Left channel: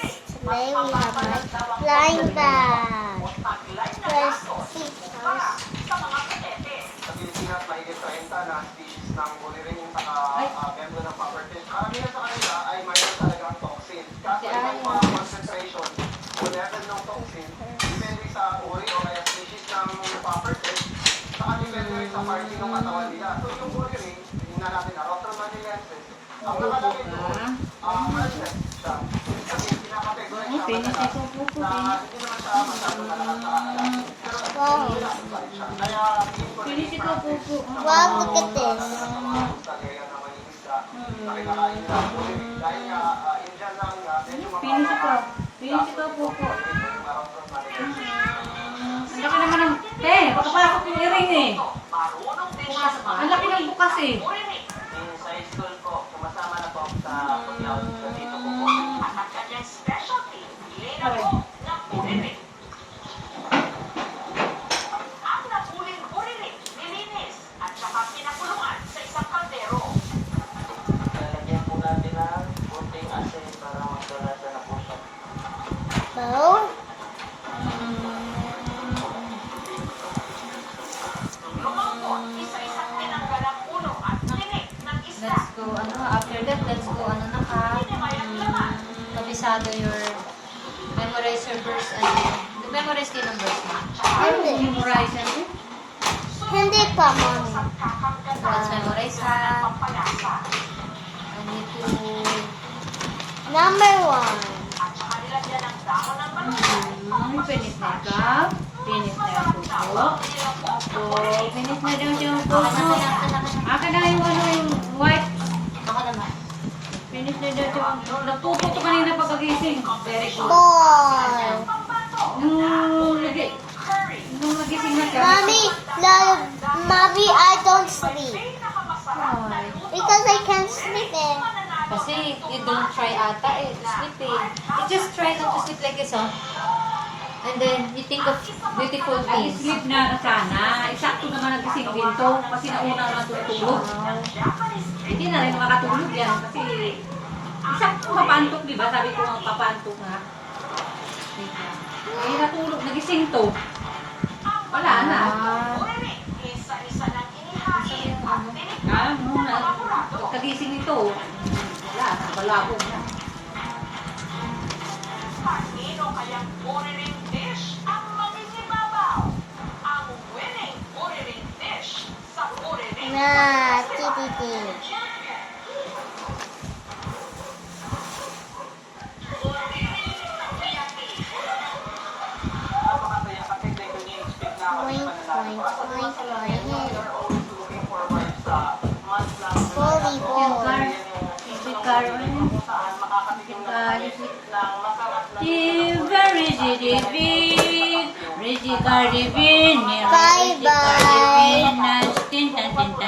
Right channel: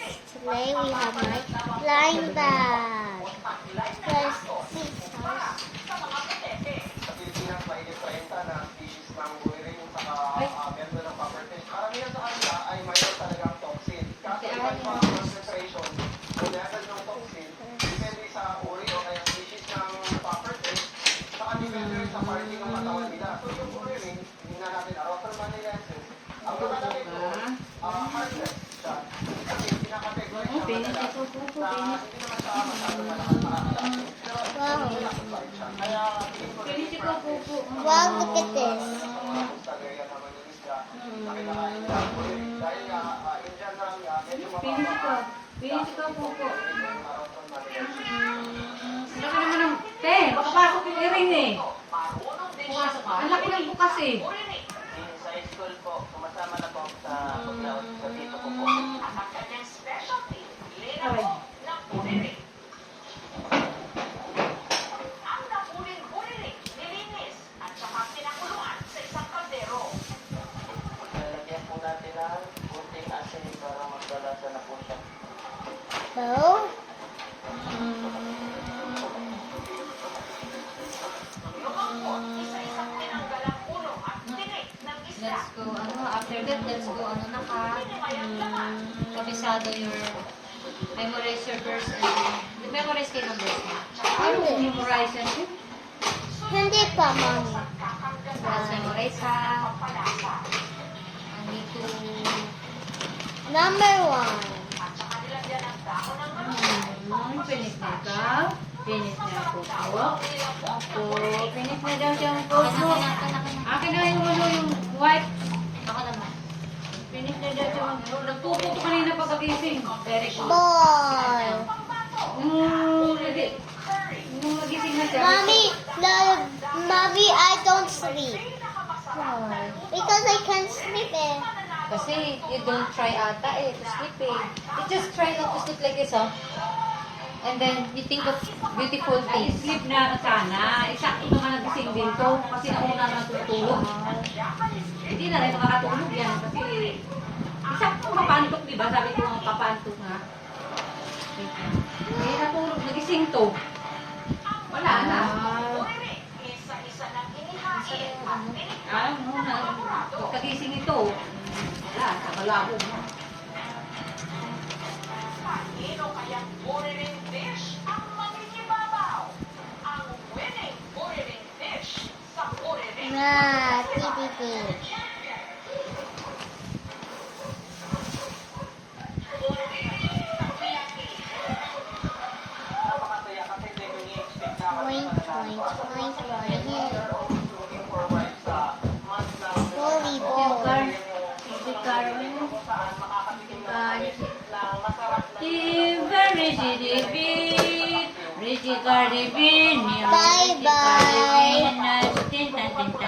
guys, today we have my blind bag. Let's see first. Sa Pilipinas, mahigit 30 na species ng buliring yung saka-member ng properties. Karamihan sa kanila ay mayroon talagang toxin. Kaso iba yung mga concentration o level ng toxin, depende sa uri o kaya species ng properties, saka depende rin sa party ng katawan nila. So yung buliring, tingnan natin na Rotron manilensis, ang nakalagay doon, harmless siya. Ibig sabihin, pinaka-categorize siya madalas na hindi naman siya masyadong malakas nakakalasin. Pero malakas pa rin siya. Kaya tingin ko na yung practice ng Wow, look at this. sa mga kustalya na mangingisda na kinakain nila ang buliring. Dahil nga, Indian lang nga, medyo mababa. Pinisip ko po po. Yung Rotron manilensis. Ang laki naman ng... Papakakot yung earring eh. Ang laki ng bukas eh. Sa school ko, sumasama na po sa pag-out sa dito ko po. Ang kanyang specialty, hilena po ng buriring. Ang napuling buriring, nilinis at saka pinakulungan sa isang kaldero. Lalagyan po natin ng kunting asin para magkalasa na po siya. Bow. Lumangkot, isa-isang tinanggal ang ulo at tinik ng isda. Let's go, after that, let's go, kabisado your, memorize your verse, memorize kayo ng verse mo. Hindi. Memorize yan eh. Hindi pa, mommy. Let's memorize ha. Pampalasa. I need to, Number 1. At saka nilagyan ng dahon ng malunggay. Ang pinit na ikaw. Pinit na yung buko. Pinit na daw yung buko. Akin na yung yung white. baka naman. Pinit na daw yung... Nagtuto ko kanina pagkagising. Very good. 4. Nung nagising na siya. Mommy, I don't sleep. Because I can't sleep eh. Kasi you don't try ata to sleep eh. You just try not to sleep like this, oh. And then you think of beautiful things. Sleep na sana. Eksakto naman nagising din to. Kasi nauna naman tutulog. Hindi na rin makakatulog yan. Kasi eksakto papantok, di ba? Sabi ko nga papantok nga. Eh, natulog. Nagising to. Wala na. Buriring, isa-isa ng inihain at tinikman Ano ng na. mga kurado. Pagkagising ito. Wala. Nakalabo na. Kanino kayang buriring dish ang mangingibabaw? Ang winning buriring dish sa buriring Na, titi. Napakasaya kasi hindi ko ni-expect na ako Point, point, point, point. looking forward sa month lang. Volleyball. Kung saan makakatikim na kami ng masarap na Bye-bye.